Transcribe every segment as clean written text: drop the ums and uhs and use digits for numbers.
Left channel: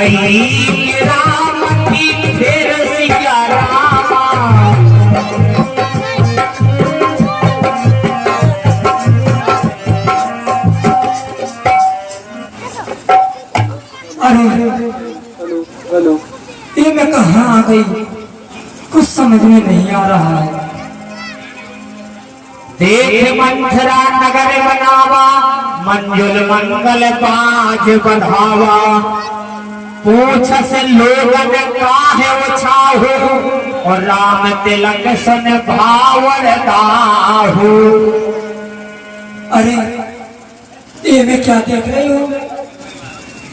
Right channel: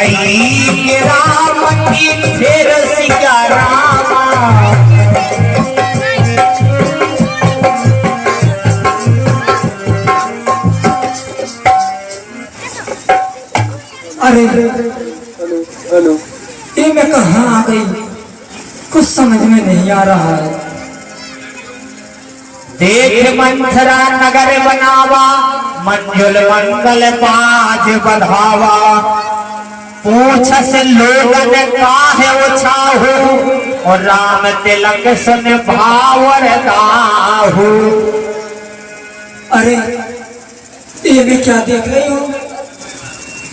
गई राम की फिर सिया रामा। अरे हेलो ये मैं कहाँ आ गई, कुछ समझ में नहीं आ रहा है। देख मंथरा नगर बनावा, मंजुल मंगल पाज बढ़ावा। पूछ से लोगन काहे उछाहू, और राम तिलक सुन भावर दाहू। अरे ये मैं क्या देख रही हूँ,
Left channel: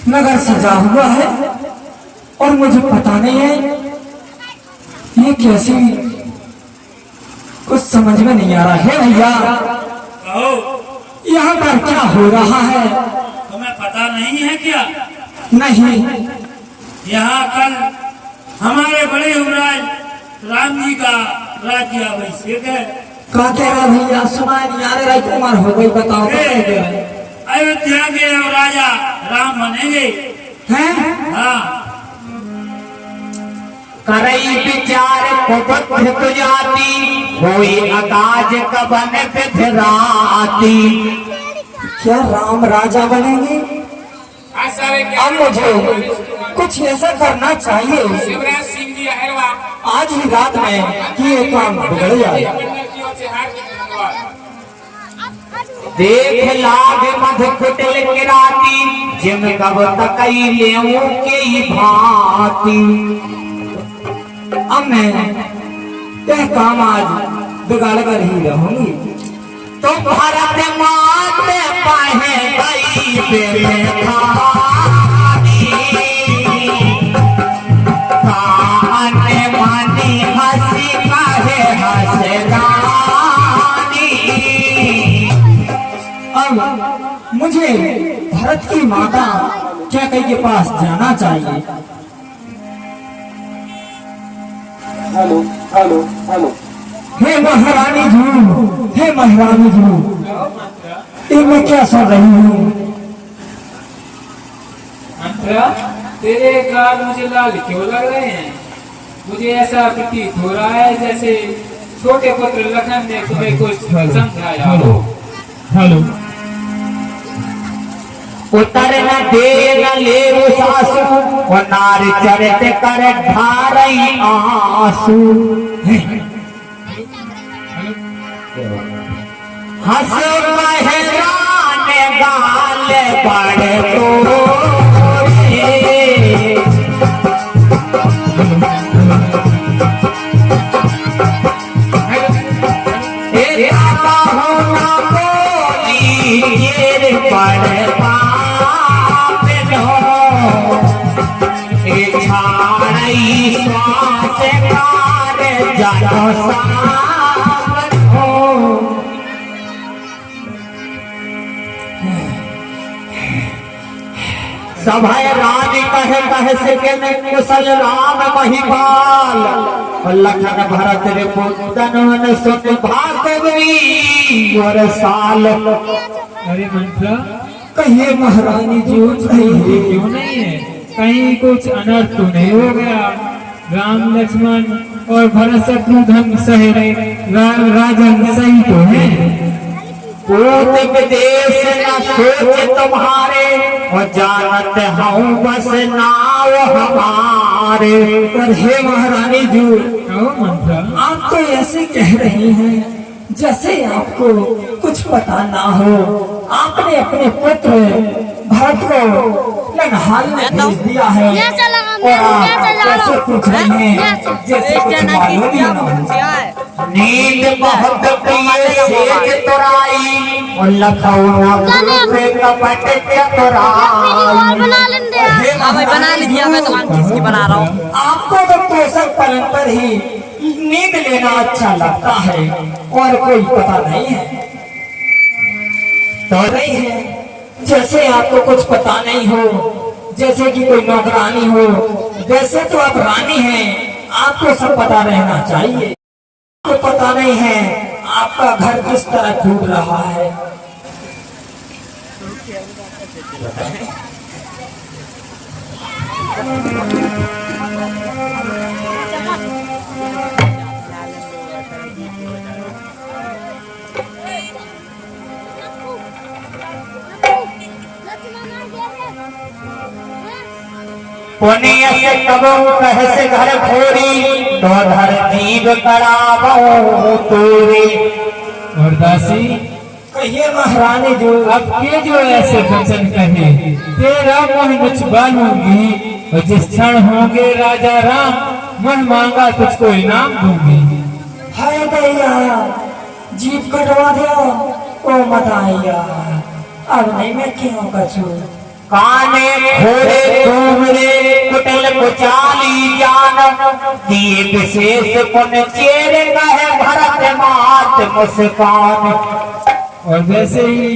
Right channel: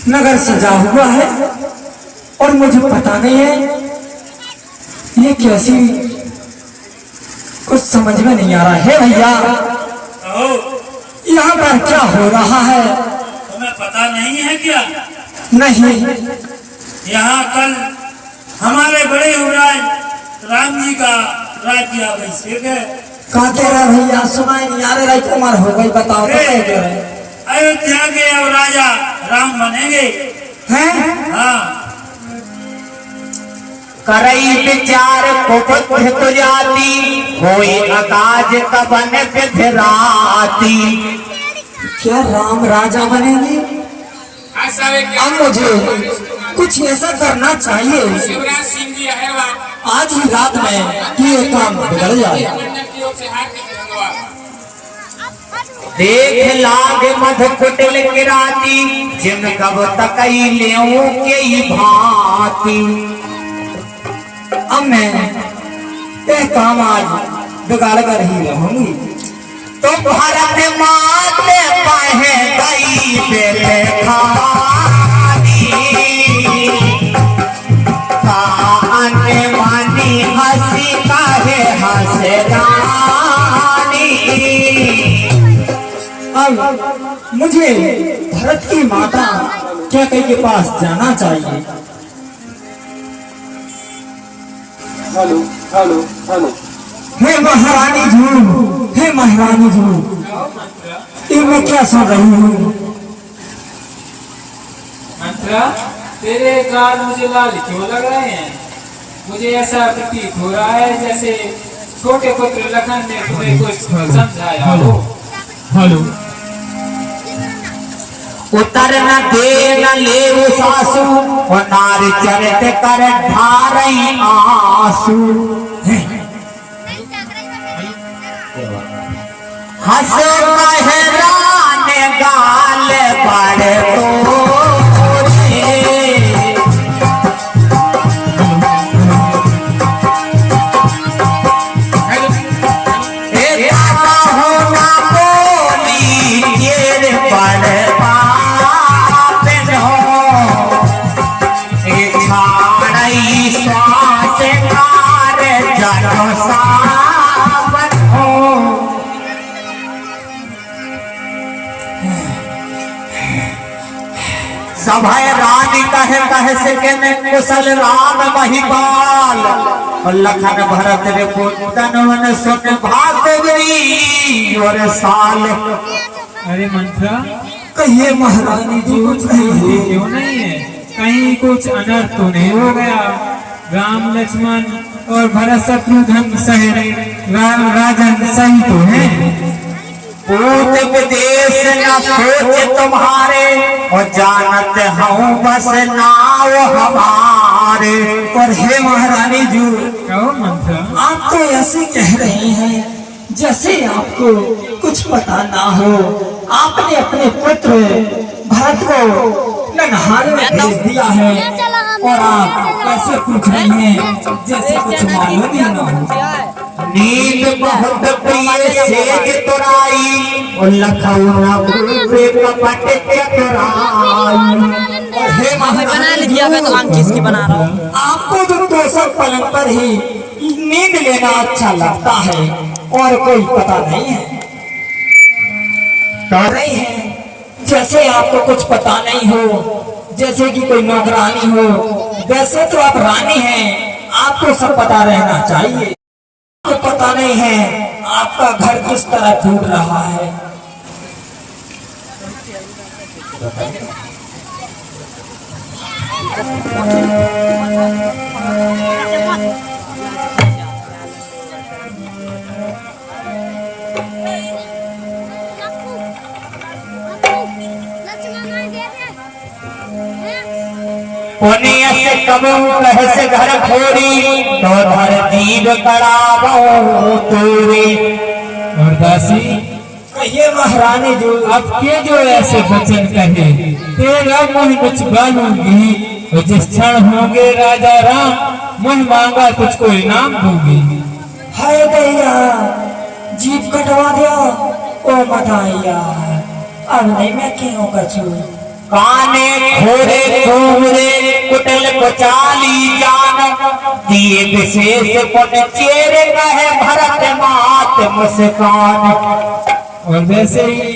नगर सजा हुआ है और मुझे पता नहीं है ये कैसी, कुछ समझ में नहीं आ रहा है। भैया यहाँ पर क्या हो रहा है? तुम्हें पता नहीं है क्या? नहीं। यहाँ कल हमारे बड़े युवराज राम जी का राज्य अभिषेक है। का कह रहा भैया, सुना यारे राजकुमार हो गई, बताओ अयोध्या के अब राजा राम बनेंगे हैं? हाँ। करई विचार कुबुद्ध तुजाती, होई अकाज कबन विधराती। क्या राम राजा बनेंगे? अब मुझे कुछ ऐसा करना चाहिए आज ही रात में कि ये काम बिगड़ जाए। देख लाग मध कुटिल किराती, जिन कब तक ले के ही भांति। अब मैं यह काम आज बिगाड़ कर ही रहूंगी। तो भारत माते पहे गई बेटे खानी, काने मानी हंसी काहे हंसरानी। अब मुझे भरत की माता क्या के पास जाना चाहिए। हेलो हेलो हेलो हे महारानी जी, हे महारानी जी, ये मैं क्या सुन रही हूँ? मंत्रा, तेरे गाल मुझे लाल क्यों लग रहे हैं? मुझे ऐसा प्रतीत हो रहा है जैसे छोटे पुत्र लखन ने तुम्हें कुछ समझाया हो। हेलो, उतर न दे न ले सासू, और नार चरित कर ढारई आंसू। हंस महरान गाल बड़ तोरे, होना बोली ये बड़ सभय रानी कहे कहे से के कुशल राम महिपाल, और लखन भरत रे पुतन सुन भागवरी और साल। अरे मंत्रा, कहिए महारानी जी, कहिए। क्यों नहीं है? कहीं कुछ अनर्थ तो नहीं हो गया? राम लक्ष्मण और भरत शत्रुघ्न सहेरे राजन सही तो है? पूत विदेश न सोच तुम्हारे, और जानत हूँ बस नाव हमारे। और हे महारानी जी, मंत्रा, आप तो ऐसे कह रही हैं जैसे आपको कुछ पता ना हो। आपने अपने पुत्र भरत को ननहाल में भेज दिया है, और आप कैसे पूछ रही हैं जैसे कुछ मालूम ही ना हो। नींद बहुत प्रिय सेज तुराई, और लखौना पे कपट चतुराई। बना लीजिए, मैं तो हम किसकी बना रहा हूँ। आपको तो केसर पलंग पर ही नींद लेना अच्छा लगता है, और कोई पता नहीं है। तो नहीं है जैसे आपको कुछ पता नहीं हो, जैसे कि कोई नौकरानी हो। वैसे तो आप रानी हैं, आपको सब पता रहना चाहिए। आपको पता नहीं है आपका घर किस तरह टूट रहा है। पुण्य से कबू कह से घर खोरी तो धर जीव करावो तोरे। और दासी कहिए महारानी जो अब के जो ऐसे वचन कहे, तेरा मुँह मुझ बालूंगी और जिस क्षण होंगे राजा राम, मन मांगा तुझको इनाम दूंगी। है दैया जीप कटवा दिया ओ मताइया, अब नहीं मैं क्यों कछू। काने घोरे घूमरे कुटल कुचाली जान दिए विशेष पुन चेर कहे भरत मात मुस्कान। और वैसे ही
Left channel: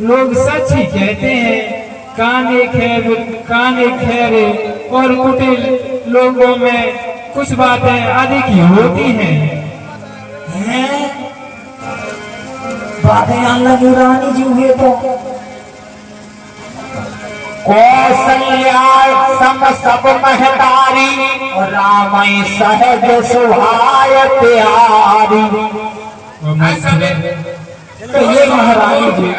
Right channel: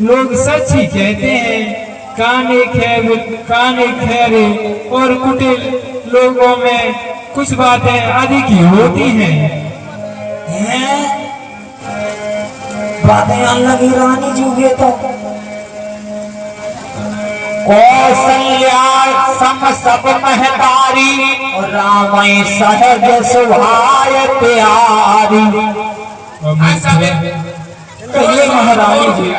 लोग सच ही कहते हैं, काने खैरे और कुटिल लोगों में कुछ बातें अधिक ही होती हैं। हैं बातें आने लगी रानी जी हुए तो कौशल्या सम सब महतारी राम सहज सुहाय प्यारी। कहिए महारानी जी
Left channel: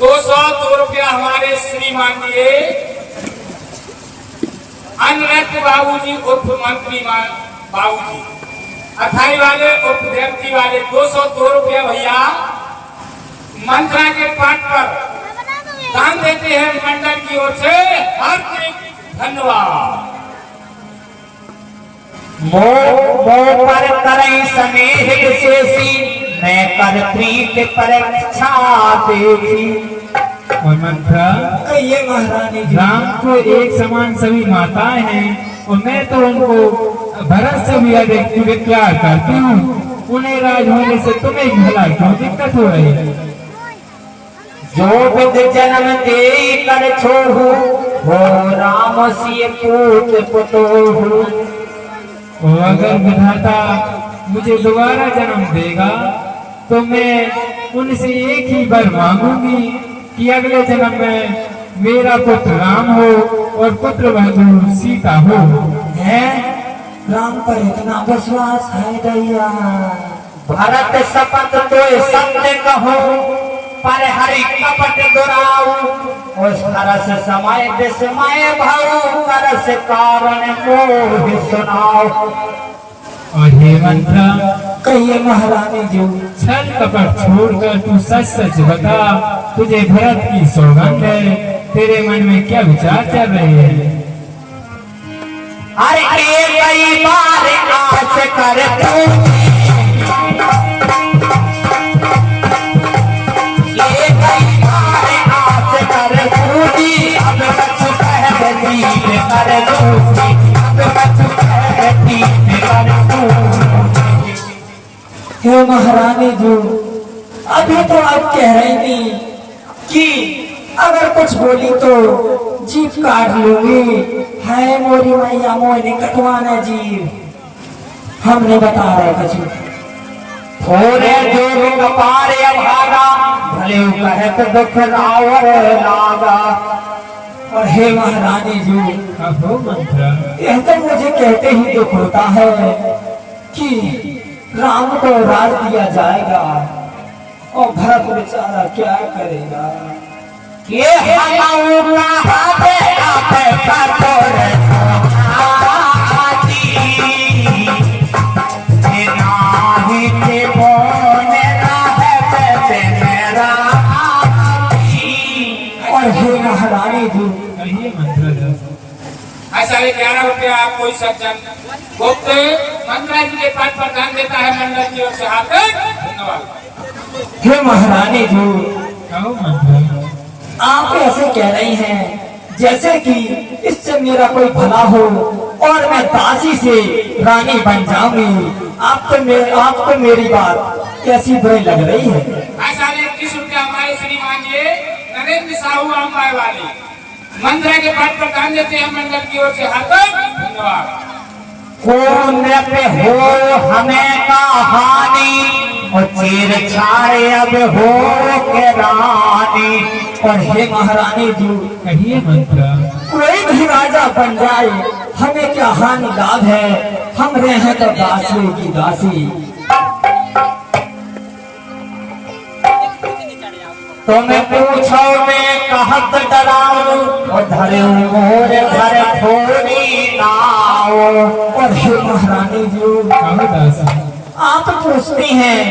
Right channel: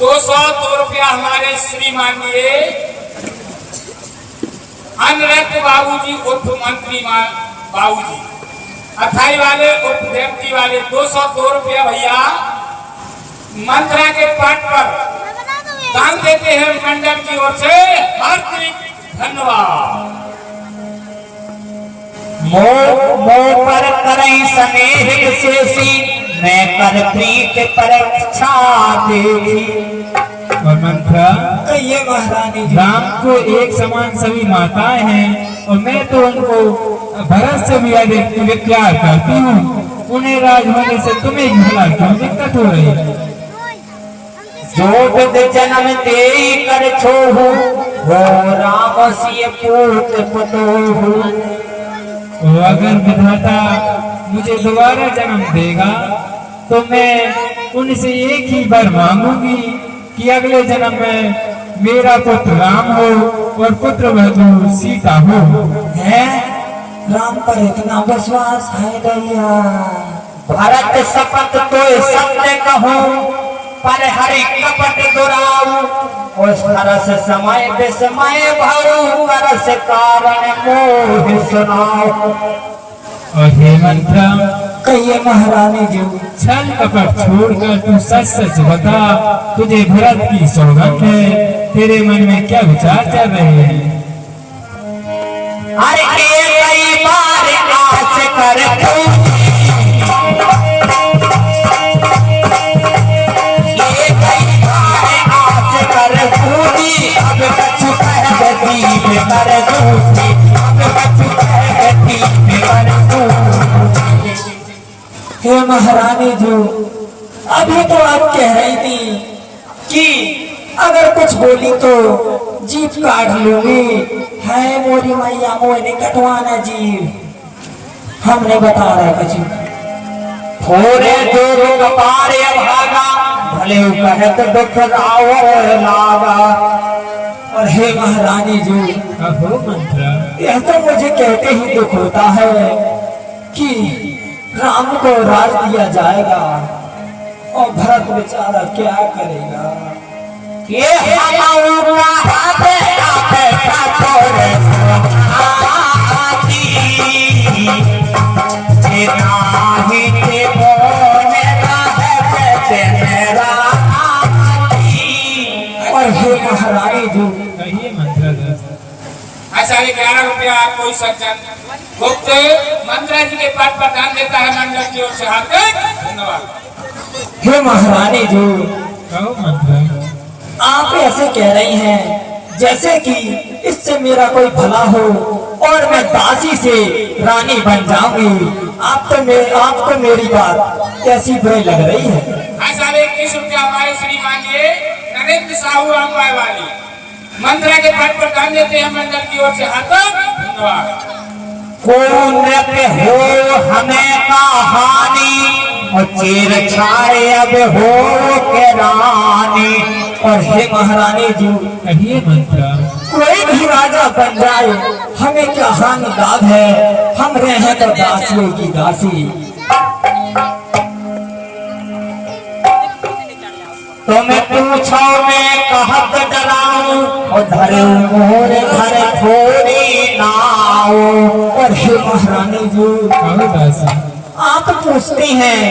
200 रुपया हमारे श्रीमान दिए अनरत बाबूजी उर्फ मंत्री बाबूजी, अथाई वाले उर्फ देवती वाले 202 रुपया भैया मंत्रा के पट पर दान देते हैं मंडल की ओर से। हार्दिक धन्यवाद। मोह पर करें स्नेह विशेषी मैं कर प्रीत परीक्षा देखी। और मंत्रा कहिए महारानी जी राम को एक समान सभी माताएं हैं और मैं तो उनको भरत से भी अधिक प्यार करती हूँ। उन्हें राज होने से तुम्हें भला क्यों दिक्कत हो रही है? जो विद जन्म दे कर छोड़ू वो राम सिय पूत पुतोहू। और अगर विधाता मुझे दोबारा जन्म देगा तो मैं उनसे एक ही बार मांगूंगी कि अगले जन्म में मेरा पुत्र राम हो और पुत्र वधू सीता हो। है राम पर इतना विश्वास है दैया। भरत शपथ तो सत्य कहूँ पर हरि कपट दुराऊ। उस तरस समय विस्मय भरू करस कारण मोह सुनाओ। और हे मंत्रा कहिए महारानी जी छल कपट छोड़कर तू सच सच बता, तुझे भरत की सौगंध है, तेरे मन में क्या विचार चल रहे हैं? हर के कई बार आस कर हे महारानी जी अभी तो आप कह रही थी कि अगर कुछ बोली तो जीप काट लूंगी। है मोरी मैया मोरी कटवाना जीव हमने बता रहे कुछ थोड़े जोर कपारे भागा भले कहत दुख रावर लागा। और हे महारानी जी अहो मंत्रा यह तो मुझे कहते ही दुख होता है कि राम को राज दिया जाएगा और भरत बेचारा क्या करेगा। ये और हे महारानी जी कहिए मंत्रा। ऐसा 11 रुपया कोई सज्जन गुप्त मंत्रा जी के पद पर दान देता है मंडल की ओर से। हार्दिक धन्यवाद। हे महारानी जी कहो मंत्रा। आप ऐसे कह रही हैं जैसे कि इससे मेरा कोई भला हो और मैं दासी से रानी बन जाऊंगी। आपको मेरी बात कैसी बुरी लग रही है? ऐसा 21 रुपया हमारे श्रीमान जी नरेंद्र साहू अम्बाई वाली मंत्रा के पद पर दान देते हैं मंडल की ओर से। हार्दिक धन्यवाद। कौन हो हमें कहानी और चीर छाड़े अब हो के रानी। और हे महारानी जी कहिए मंत्रा। कोई भी राजा बन जाए हमें क्या हानि लाभ है, हम रहे तो दासियों की दासी। तुम पूछो मैं कहत डराऊं, उधर मोर घर थोड़ी नाओ। और हे महारानी जी, आप पूछती हैं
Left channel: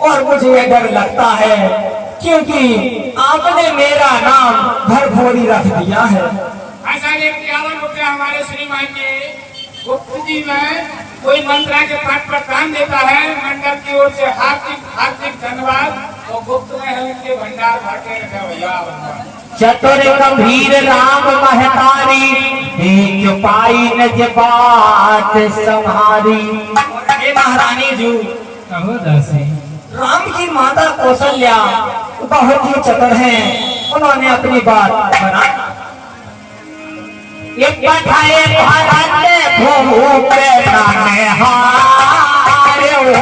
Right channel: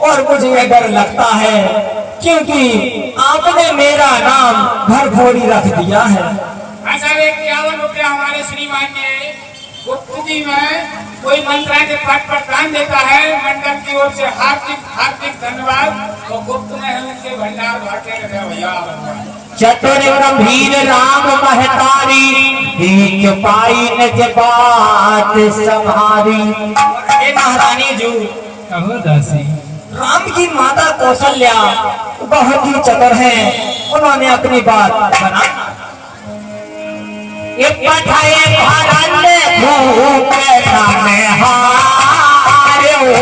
और मुझे ये डर लगता है, क्योंकि आपने मेरा नाम घर भोरी रख दिया है। ऐसा 51 रुपया हमारे श्रीमान के गुप्त जी में कोई मंत्रा के पद पर दान देता है, मंडल की ओर से हार्दिक हार्दिक धन्यवाद। और गुप्त में है उनके भंडार भरते रखे भैया। चतुर गंभीर राम महतारी, एक पाई न के बात संभारी। हे महारानी जी, कहो दासी। राम की माता कौशल्या बहुत ही चतुर है, उन्होंने अपनी बात बना। ये पठाए भरत भूप नामे हारे हो,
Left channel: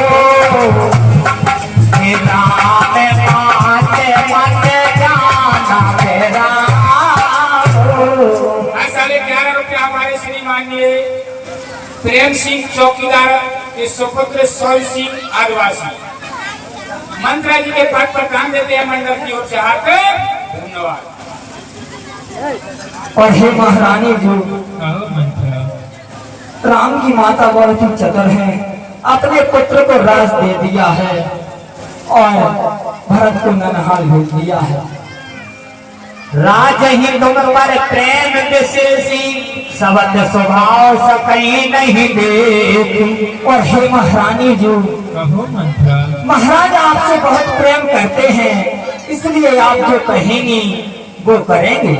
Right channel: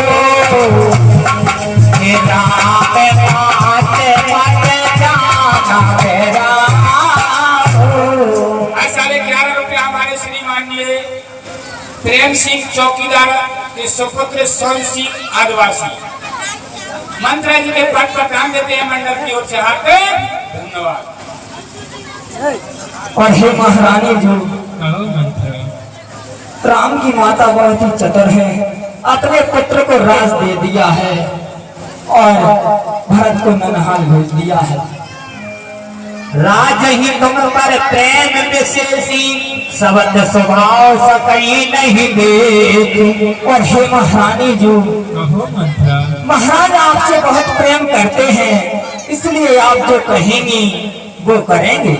ये राम माते माते जाना तेरा हो। ऐसा 11 रुपया हमारे श्रीमाननीय प्रेम सिंह चौकीदार के सुपुत्र सोहन सिंह आदिवासी मंत्रा जी के पद पर दान देते हैं, मंडल की ओर से हार्दिक धन्यवाद। और हे महारानी जी, राम की माता बहुत ही चतुर है, अपने पुत्र को राज दे दिया है और भरत को ननहाल भेज दिया है। राज ही तुम पर प्रेम विशेषी, सबत स्वभाव सकई नहीं देख। और हे महारानी जी, कहो मंत्रा। महाराज आपसे बहुत प्रेम करते हैं, इसलिए आप जो कहेंगी वो करेंगे।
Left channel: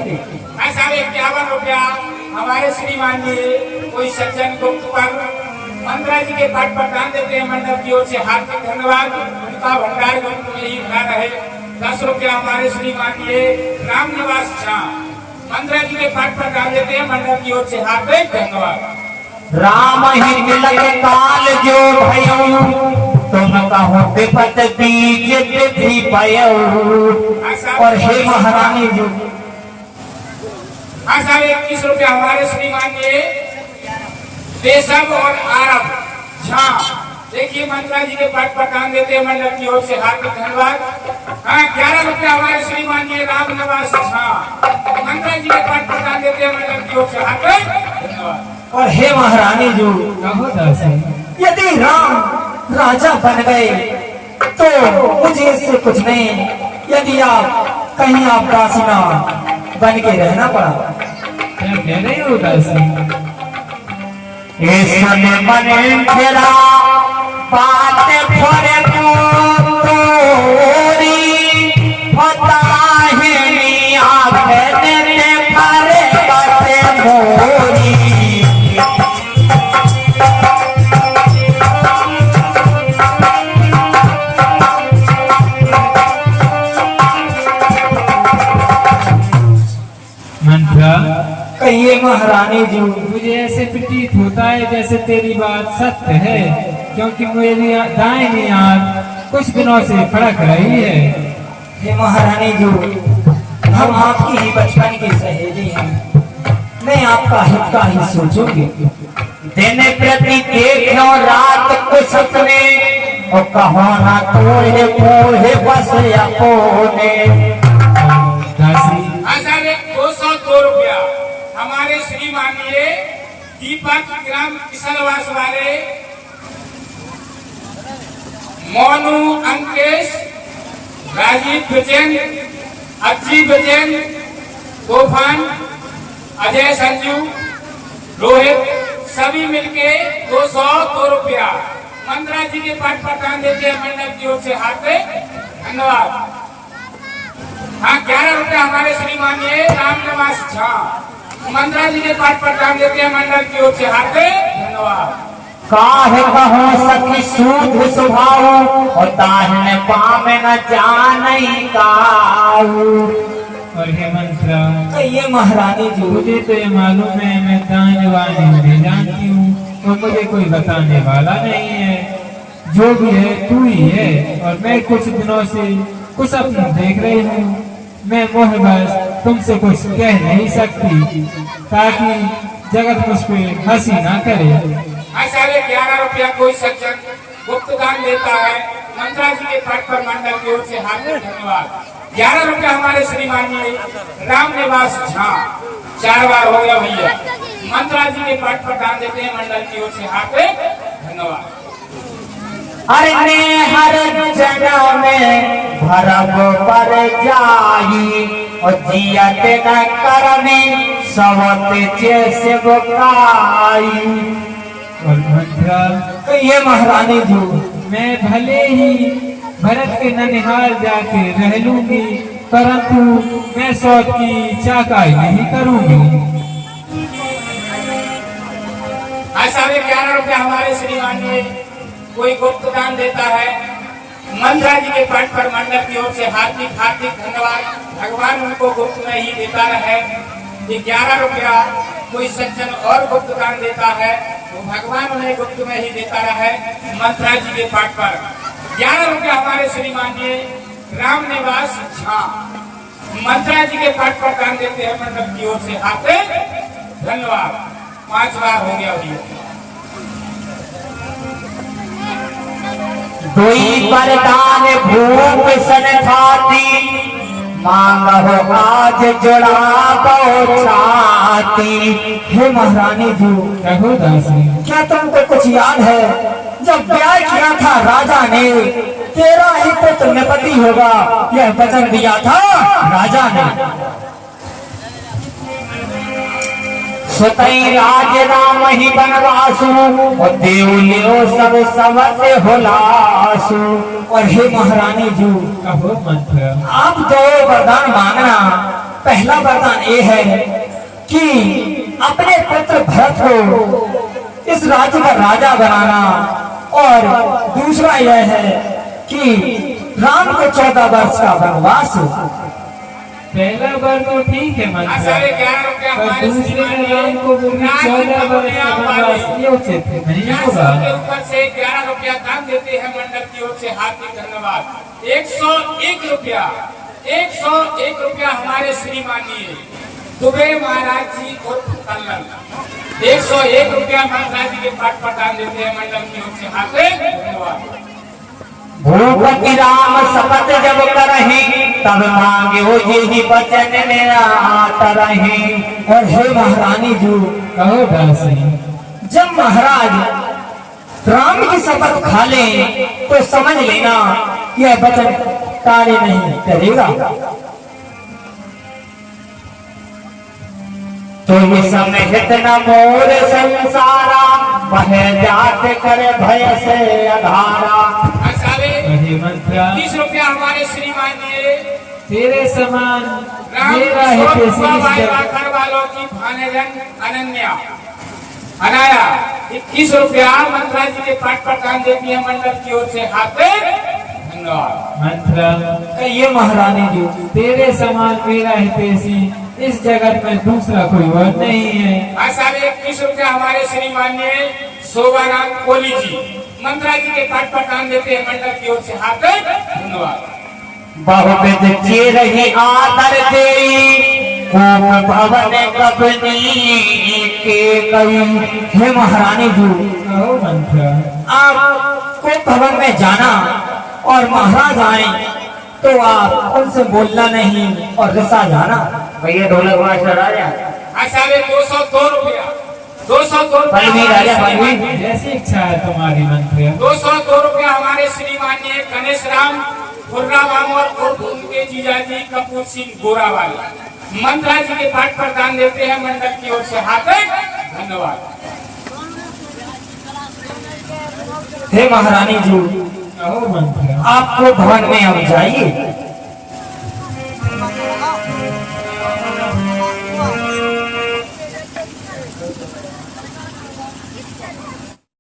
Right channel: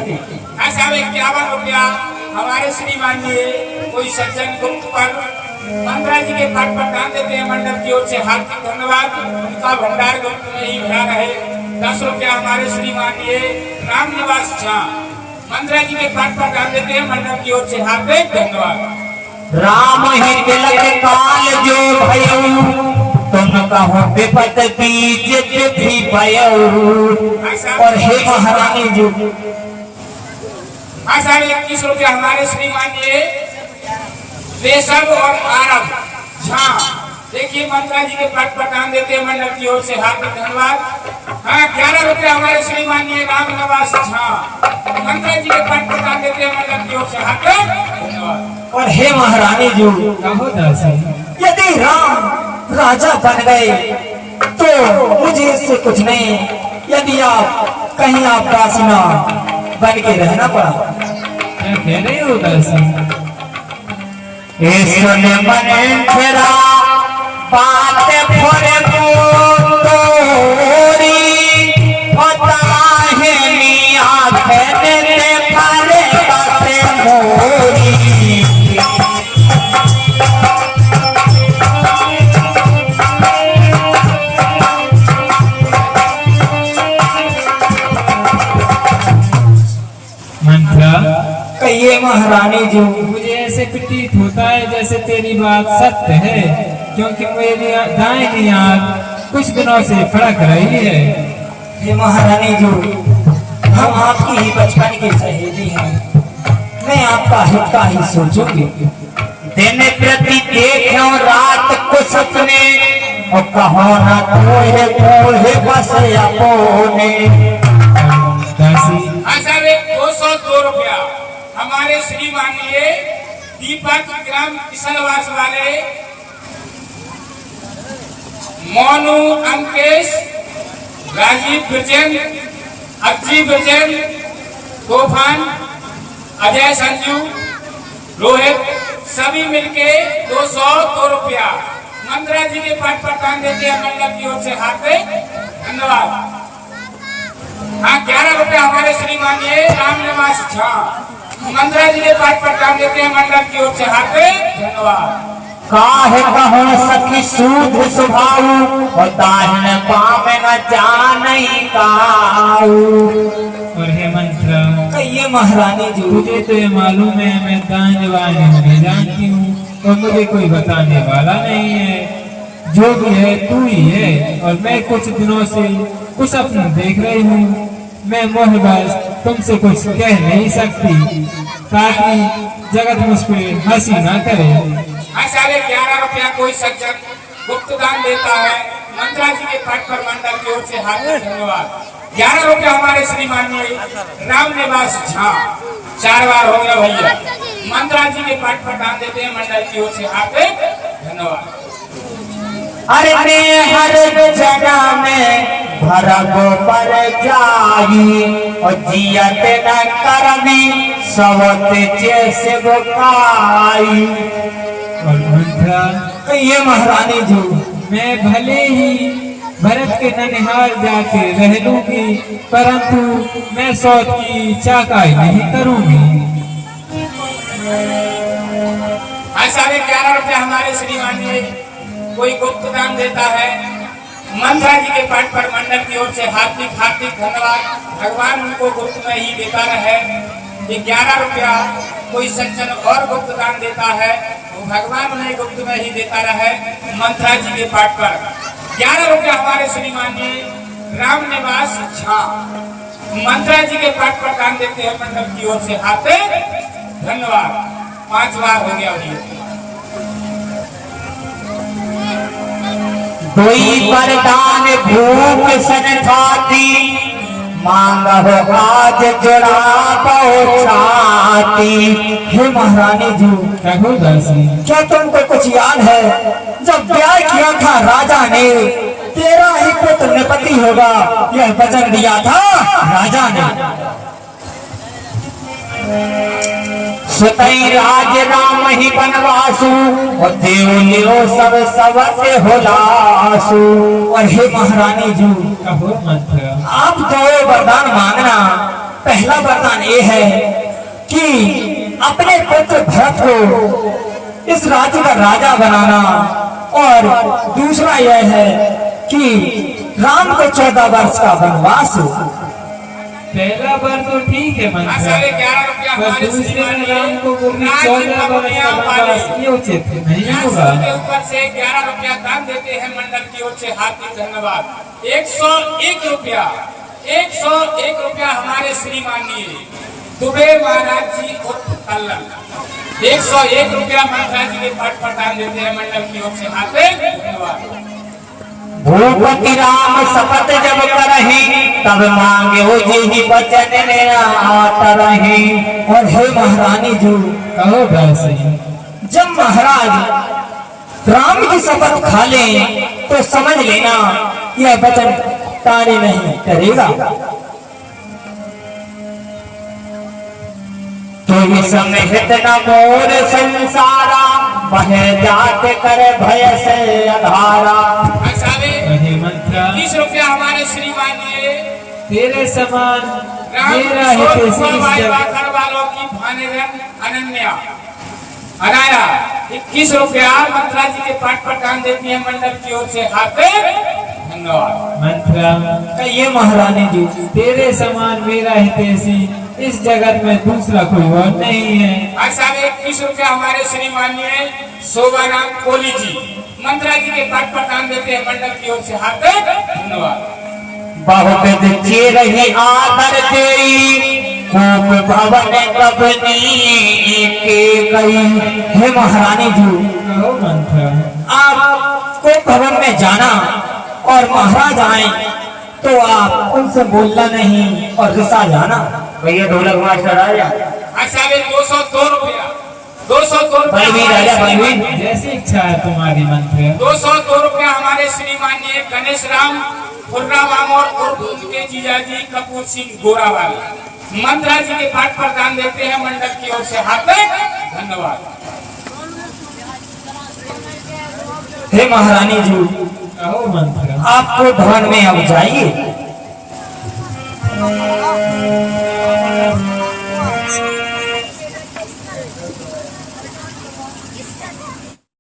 ऐसा 51 रुपया हमारे श्रीमाननीय कोई सज्जन गुप्त पर मंत्रा जी के पद पर दान देते हैं, मंडल की ओर से हार्दिक धन्यवाद। उनका भंडार गुप्त में ही भरा रहे। 10 रुपया हमारे श्रीमाननीय राम निवास झा मंत्रा जी के पद पर दान देते हैं, मंडल की ओर से हार्दिक धन्यवाद। राम ही तिलक काल जो भयऊ, तुम कहो विपत बीज विधि पयऊ। और हे महारानी जी, ऐसा 21 रुपया हमारे श्रीमाननीय देशव और आरब झा देखिए मंत्रा जी के पद पर दान देते हैं, मंडल की ओर से हार्दिक धन्यवाद। हाँ 11 रुपया हमारे श्रीमाननीय राम निवास झा मंत्रा जी के पद पर दान देते हैं, मंडल की ओर से हार्दिक धन्यवाद। और हे महारानी जी, कहो दासी। यदि राम राजा बन गए तो मुझे इससे कुछ नहीं, यदि आप कहीं आप दासिना बन के रहना पड़ा। क्या कह रहे हो दासी? इसमें मन फेरा बात फोरे तोरी, पता है नी आंखें देते फरे बाते मोरी। मंत्रा। कहिए महारानी जी। मुझे ऐसे प्रतीत होता है जैसे तेरी बात सत्य है, क्योंकि मेरी दाहिनी आंख कुछ दिनों से फड़क रही है। हे महारानी जी, हम आपकी ही बचपन की सहेली हैं, मैं आपका हित का ही सोचूंगी। दिन प्रति देखो रात को सपने, और कहो ना तोहे मोहे बस अपोने। दासी। ऐसा 202 रुपया हमारे श्रीमाननीय दीपक ग्राम किशनवास वाले मोनू अंकेश राजीव ब्रजेन अज्जी ब्रजेन तूफान अजय संजू रोहित सभी मिलके 202 रुपया मंत्रा जी के पद पर दान देते हैं, मंडल की ओर से हार्दिक धन्यवाद। हाँ 11 रुपया हमारे श्रीमाननीय राम निवास झा मंत्रा जी के पद पर दान देते हैं, मंडल की ओर से हार्दिक धन्यवाद। काहे कहो सखी सूद स्वभाव, और दाहिने पामे न जानई काऊ। और हे मंत्रा। कहिए महारानी जी। मुझे तो ये मालूम है मैं दाने वाले नहीं जानती हूँ, तो मुझे कोई बताने वाला नहीं है। जो भी है तू ही है, और मैं कुछ दिनों से कुछ अपना देख रही हूँ। मैं मोहबस तुमसे कुछ कह नहीं सकती, ताकि जगत मुझ पे हंसी ना करे। साढ़े 11 रुपया कोई सज्जन गुप्त दान देता है मंत्रा जी के पाठ पर मंडल की ओर से हार्दिक धन्यवाद। 11 रुपया हमारे श्रीमान राम निवास झा, 4 बार हो गया भैया, मंत्रा जी के पाठ पर दान देते हैं मंडल की ओर से हार्दिक धन्यवाद। अरे ने हर जगह में भरब पर जाई और जियत न करनी सबते जैसे बुकाई। और मंत्रा, ये महारानी जी, मैं भले ही भरत के ननिहाल जाके रह लूंगी, परंतु मैं सौत की चाकाई नहीं करूंगी। साढ़े 11 रुपया हमारे श्रीमान कोई गुप्त दान देता है मंत्रा जी के पाठ पर मंडल की ओर से हार्दिक हार्दिक धन्यवाद। भगवान उनको गुप्त में ही देता रहे। ये 11 रुपया कोई सज्जन और गुप्त दान देता है तो भगवान उन्हें गुप्त में ही देता रहे मंत्रा जी के पाठ पर। 11 रुपया हमारे श्रीमान राम निवास झा, मंत्रा जी के पाठ पर दान देते हैं मंडल की ओर से हार्दिक धन्यवाद। 5 बार हो गया भैया। कोई वरदान भूख सन छाती मांगो आज जुड़ा छाती। हे महारानी जी, कहो दासी, क्या तुमको कुछ याद है जब ब्याह किया था राजा ने, तेरा ही पुत्र निपति होगा यह वचन दिया था राजा ने। सुतई राज राम ही बनवासु और देव लियो सब सबसे होलासु। और हे महारानी जी, कहो मंत्रा, आप दो वरदान मांगना। पहला वरदान ये है कि अपने पुत्र भरत को इस राज्य का राजा बनाना, और दूसरा यह है कि राम को 14 वर्ष का वनवास। पहला बार तो ठीक है मंत्रा, साढ़े 11 रुपया पर हमारे दूसरे श्रीमान राम को बोली 14 वर्ष का वनवास, ये उचित नहीं होगा। के ऊपर से 11 रुपया दान देते हैं मंडल की ओर से हार्दिक धन्यवाद। 101 रुपया 101 रुपया हमारे श्रीमानी दुबे महाराज जी उर्फ कल्लन, 101 रुपया मंत्रा जी के पाठ पर दान देते हैं मंडल की ओर से हार्दिक धन्यवाद। भूपति राम शपथ जब करही तब मांगे हो जी बचन ने आता रही। और हे महारानी जी, कहो दासी, जब महाराज राम की शपथ खा ले तो समझ लेना यह वचन कार्य नहीं करेगा। तो ये समेत न मोर संसारा वह जात कर भय से अधारा। हे मंत्रा, 30 रुपया हमारे श्रीमान तेरे समान राम मेरा हित इस घर वालों की भानेगन अनन्या अनाया 21 रुपया मंत्रा जी के पाठ पर दान देती है मंडल की ओर से हार्दिक धन्यवाद। मंत्रा, ये महारानी जी, तेरे समान मेरा हितैषी इस जगत में दूसरा कोई और नहीं है। 21 रुपया हमारे श्रीमान्य शोभाराम कोहली जी मंत्रा जी के पाठ पर दान देते हैं मंडल की ओर से हार्दिक धन्यवाद। बहुत रही आदर तेरी कोप भवन कबनी के गई। हे महारानी जी, कहो मंत्रा, आपको भवन में जाना और महाराज आए तो आप उनसे बोलना नहीं और रिसा जाना। भैया ढोलक मास्टर आ जा। 202 रुपया 202 बलवीर राजा बलवीर। जैसी इच्छा है तुम्हारी मंत्रा। 202 रुपया हमारे श्रीमान्य गणेश राम खुर्रा मामोर और उनके जीजाजी कपूर सिंह गोरावाल मंत्रा जी के पाठ पर दान देते हैं मंडल की ओर से हार्दिक धन्यवाद। हे महारानी जी, कहो मंत्रा, आपको भवन में अब जाइए